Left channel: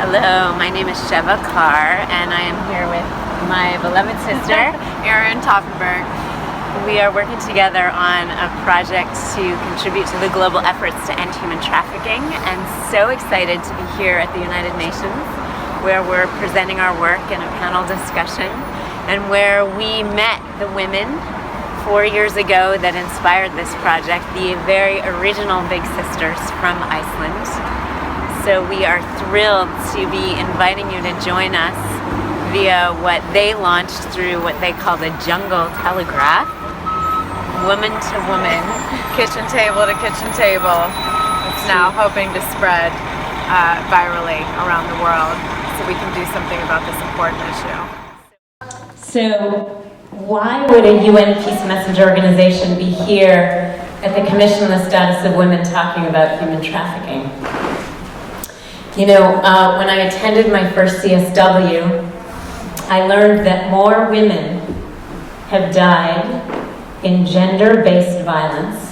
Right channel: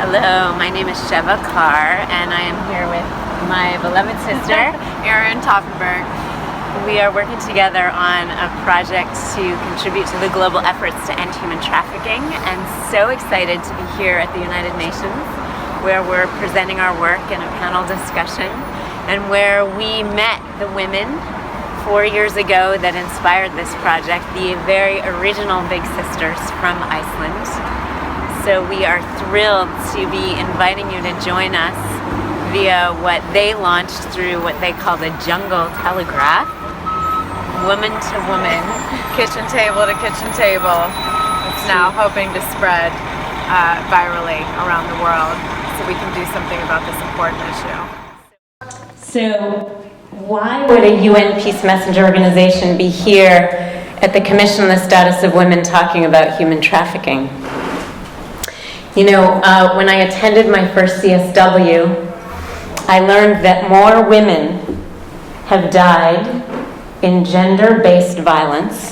Hello, my name is Sheva Carr, and I am here with my beloved sister, Erin Toffenberg. We are working together on a project to contribute to the global efforts to end human trafficking, and so excited to be here at the United Nations, where we're presenting our work in a panel discussion, and where we met the women 4 years ago that inspired this project, the very original Big Sisters from Iceland. So we are thrilled to be inviting you to join us via what they launched through what they call the Jungle Telegraph, woman to woman, Kitchen table to kitchen table. It's now hoping to spread virally around the world so we can do something about this important issue. So why would a UN Peace Messenger organization be here at the Commission on the Status of Women talking about human trafficking? You know, when I attended my first CSW, I learned that more women have died in gender-based violence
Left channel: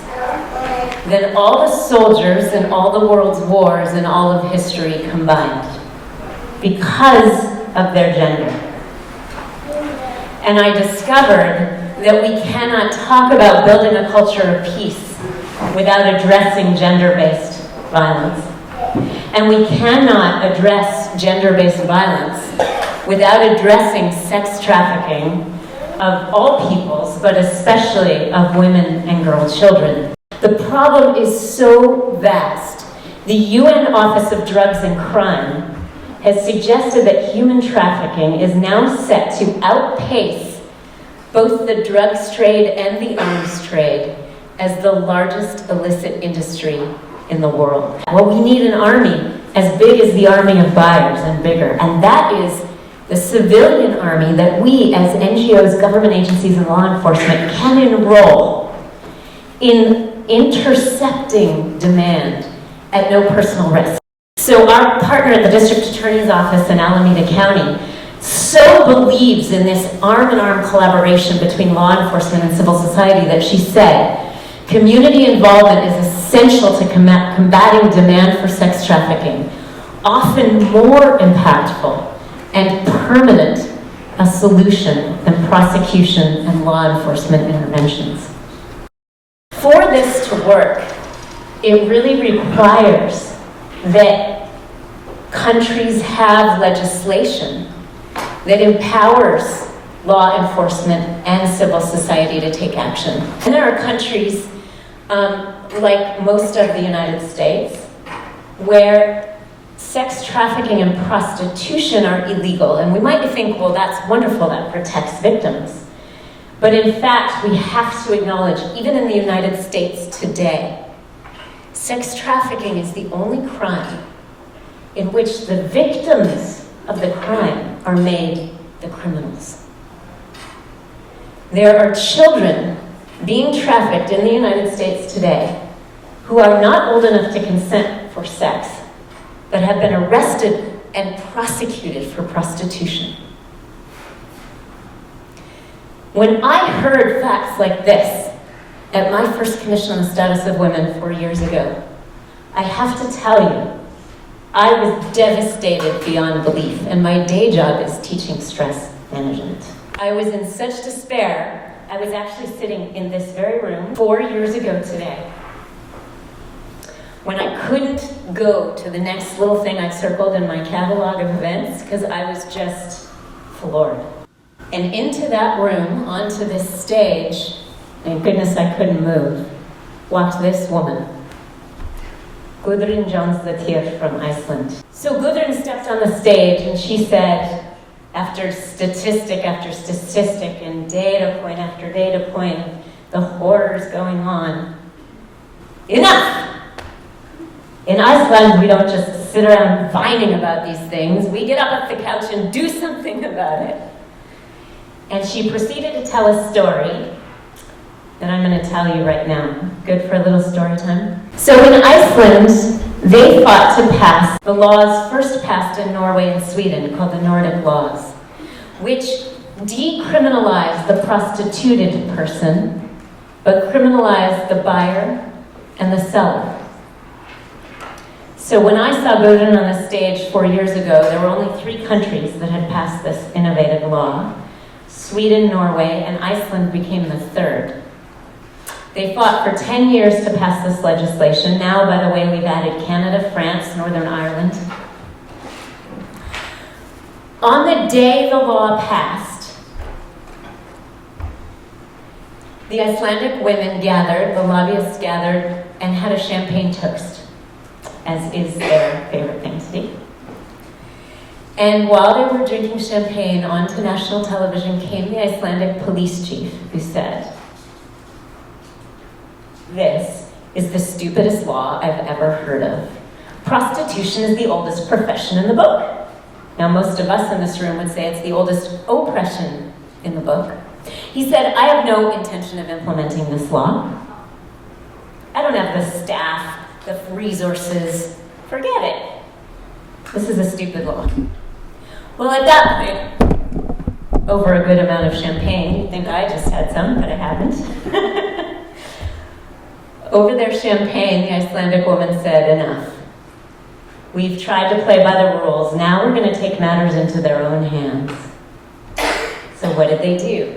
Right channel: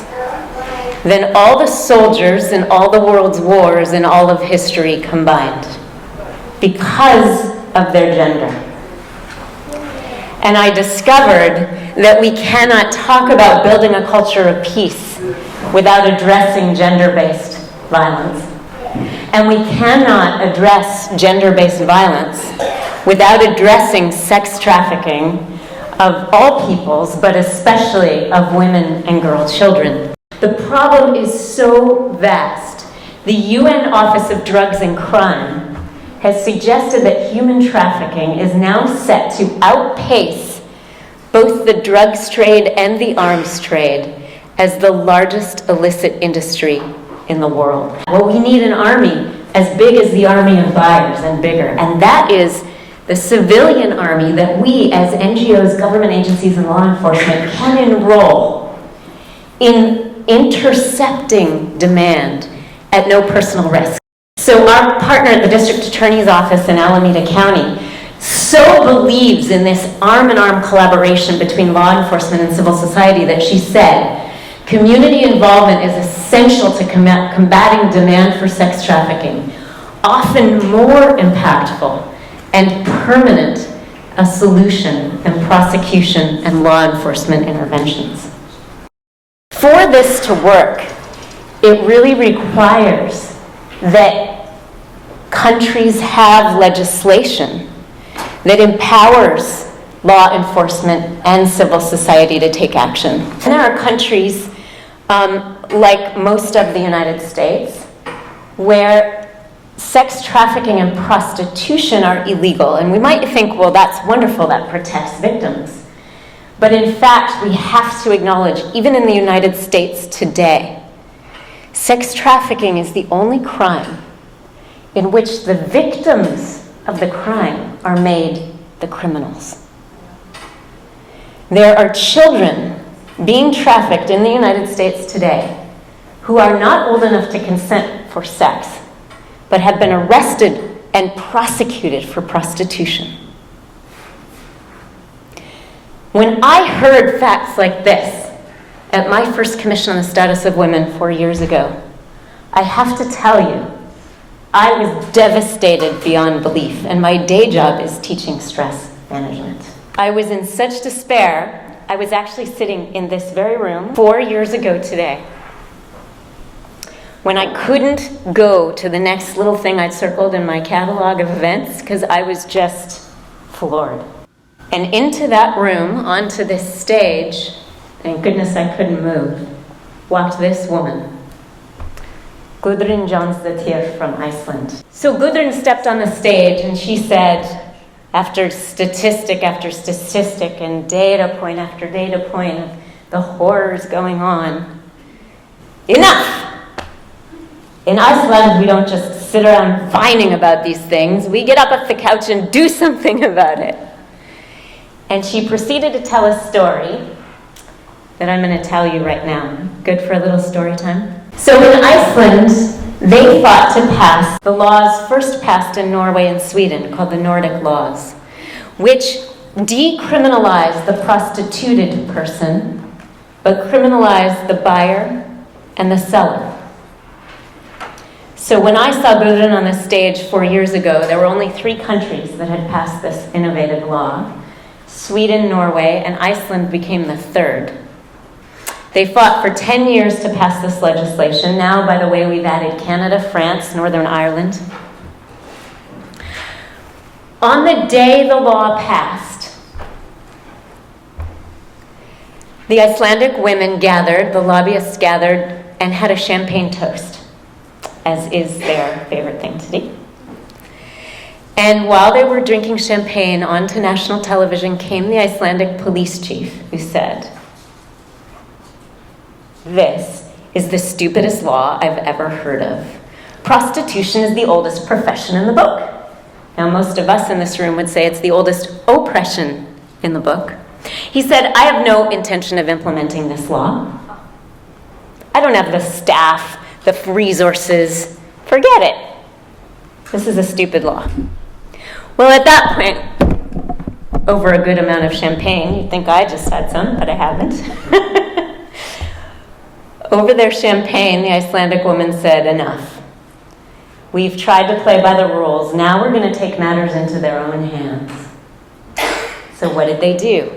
than all the soldiers in all the world's wars in all of history combined, because of their gender. And I discovered that we cannot talk about building a culture of peace without addressing gender-based violence. And we cannot address gender-based violence without addressing sex trafficking of all peoples, but especially of women and girl children. The problem is so vast. The UN Office of Drugs and Crime has suggested that human trafficking is now set to outpace both the drugs trade and the arms trade as the largest illicit industry in the world. Well, we need an army as big as the army of buyers and bigger, and that is the civilian army that we as NGOs, government agencies, and law enforcement can enroll in intercepting demand at no personal risk. So our partner at the District Attorney's Office in Alameda County so believes in this arm-in-arm collaboration between law enforcement and civil society that she said, community involvement is essential to combating demand for sex trafficking, often more impactful and permanent a solution than prosecution and law enforcement interventions. For this to work, it really requires that countries have legislation that empowers law enforcement and civil society to take action. And there are countries like most of the United States, where sex trafficking and prostitution are illegal. And we might think, well, that's wonderful, that protects victims. But in fact, we have to acknowledge, even in the United States today, sex trafficking is the only crime in which the victims of the crime are made the criminals. There are children being trafficked in the United States today who are not old enough to consent for sex, but have been arrested and prosecuted for prostitution. When I heard facts like this at my first Commission on the Status of Women 4 years ago, I have to tell you, I was devastated beyond belief, and my day job is teaching stress management. I was in such despair. I was actually sitting in this very room 4 years ago today when I couldn't go to the next little thing I'd circled in my catalog of events because I was just floored. And into that room, onto this stage, thank goodness I couldn't move, walked this woman, Gudrun Jónsdóttir from Iceland. So Gudrun stepped on the stage and she said, after statistic after statistic and data point after data point of the horrors going on, enough! In Iceland, we don't just sit around whining about these things. We get up off the couch and do something about it. And she proceeded to tell a story that I'm going to tell you right now. Good for a little story time? So in Iceland, they fought to pass the laws first passed in Norway and Sweden, called the Nordic laws, which decriminalized the prostituted person, but criminalized the buyer and the seller. So when I saw Gudrun on the stage 4 years ago, there were only 3 countries that had passed this innovative law. Sweden, Norway, and Iceland became the 3rd. They fought for 10 years to pass this legislation. Now, by the way, we've added Canada, France, Northern Ireland. On the day the law passed, the Icelandic women gathered, the lobbyists gathered, and had a champagne toast, as is their favorite thing to do. And while they were drinking champagne, onto national television came the Icelandic police chief, who said, "This is the stupidest law I've ever heard of. Prostitution is the oldest profession in the book." Now, most of us in this room would say it's the oldest oppression in the book. He said, "I have no intention of implementing this law. I don't have the staff, the resources. Forget it. This is a stupid law." Well, at that point, over a good amount of champagne, you'd think I just had some, but I haven't. Over their champagne, the Icelandic woman said, "Enough. We've tried to play by the rules. Now we're going to take matters into their own hands." So what did they do?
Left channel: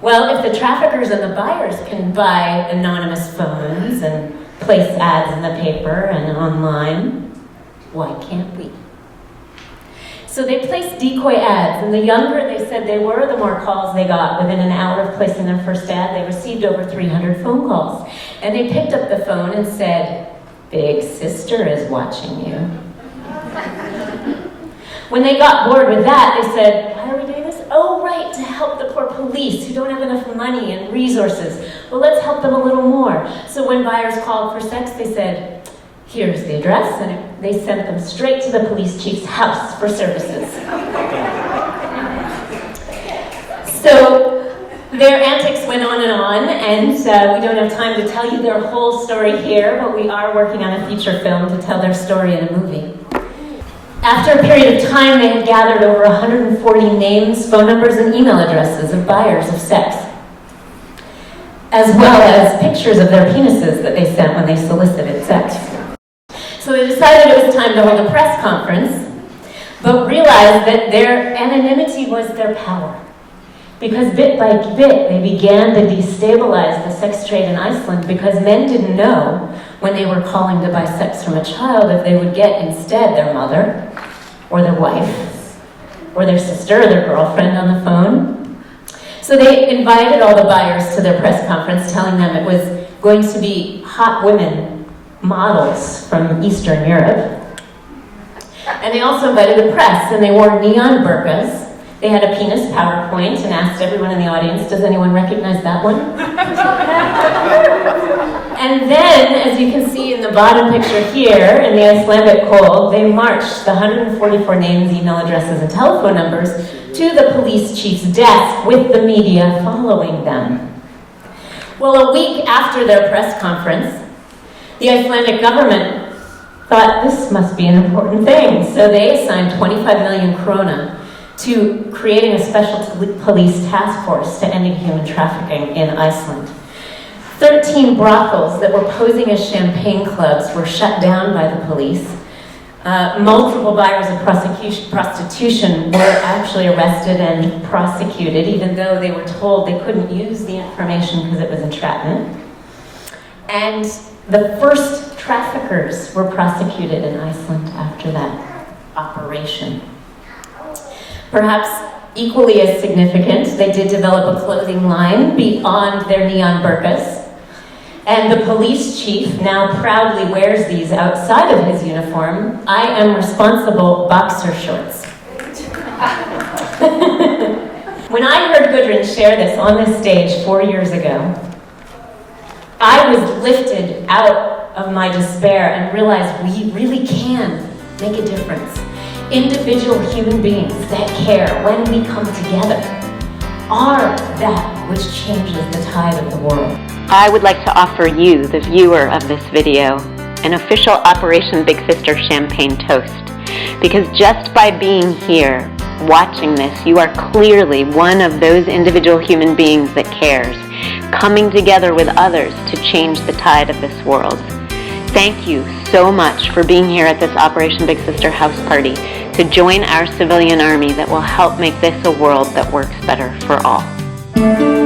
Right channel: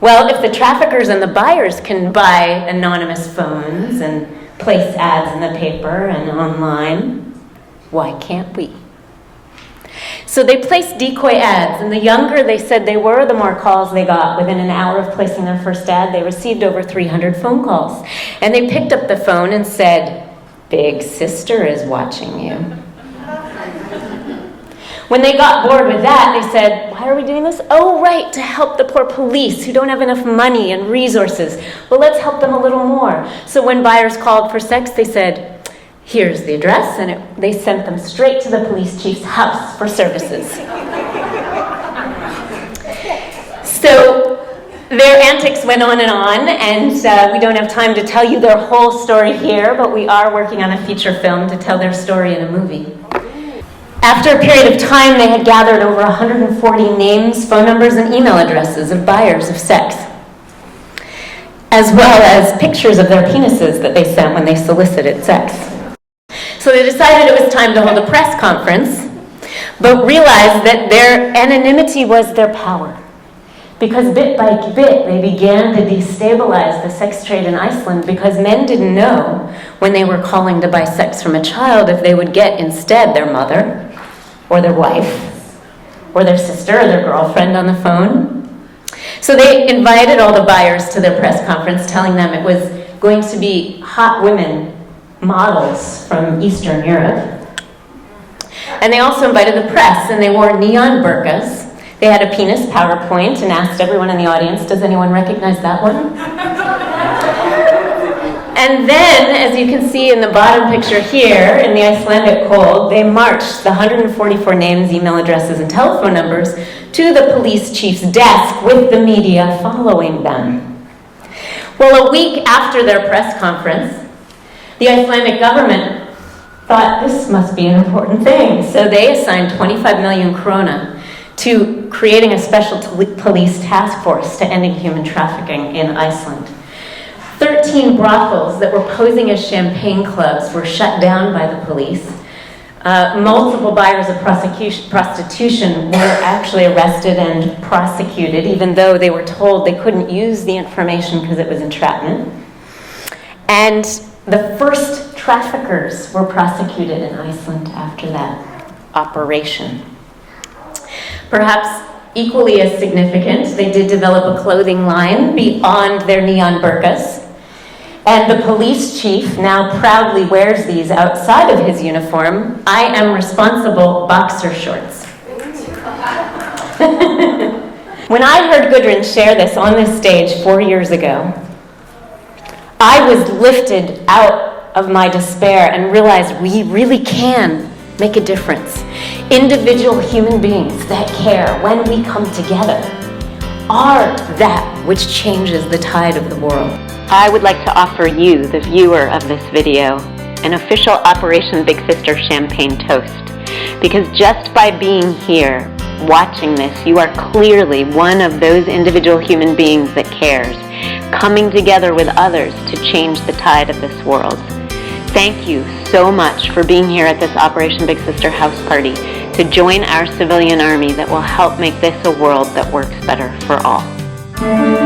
Well, if the traffickers and the buyers can buy anonymous phones and place ads in the paper and online, why can't we? So they placed decoy ads, and the younger they said they were, the more calls they got. Within an hour of placing their first ad, they received over 300 phone calls. And they picked up the phone and said, "Big sister is watching you." When they got bored with that, they said, "Why are we doing this? Oh, right, to help the poor police who don't have enough money and resources. Well, let's help them a little more." So when buyers called for sex, they said, "Here's the address," and they sent them straight to the police chief's house for services. So their antics went on, and we don't have time to tell you their whole story here, but we are working on a feature film to tell their story in a movie. After a period of time, they had gathered over 140 names, phone numbers, and email addresses of buyers of sex, as well as pictures of their penises that they sent when they solicited sex. So they decided it was time to hold a press conference, but realized that their anonymity was their power. Because bit by bit, they began to destabilize the sex trade in Iceland, because men didn't know when they were calling to buy sex from a child if they would get instead their mother, or their wife, or their sister, or their girlfriend on the phone. So they invited all the buyers to their press conference, telling them it was going to be hot women models from Eastern Europe. And they also invited the press, and they wore neon burqas. They had a penis PowerPoint and asked everyone in the audience, "Does anyone recognize that one?" And then, as you can see in the bottom picture here, in the Icelandic cold, they marched the 144 names, email addresses, and telephone numbers to the police chief's desk with the media following them. Well, a week after their press conference, the Icelandic government thought this must be an important thing, so they assigned 25 million krona to creating a special police task force to ending human trafficking in Iceland. 13 brothels that were posing as champagne clubs were shut down by the police. Multiple buyers of prostitution were actually arrested and prosecuted, even though they were told they couldn't use the information because it was entrapment. And the first traffickers were prosecuted in Iceland after that operation. Perhaps equally as significant, they did develop a clothing line beyond their neon burqas. And the police chief now proudly wears these outside of his uniform. "I am responsible" boxer shorts. When I heard Gudrun share this on this stage 4 years ago, I was lifted out of my despair and realized we really can make a difference. Individual human beings that care, when we come together, are that which changes the tide of the world. I would like to offer you, the viewer of this video, an official Operation Big Sister Champagne Toast. Because just by being here, watching this, you are clearly one of those individual human beings that cares, coming together with others to change the tide of this world. Thank you so much for being here at this Operation Big Sister house party to join our civilian army that will help make this a world that works better for all.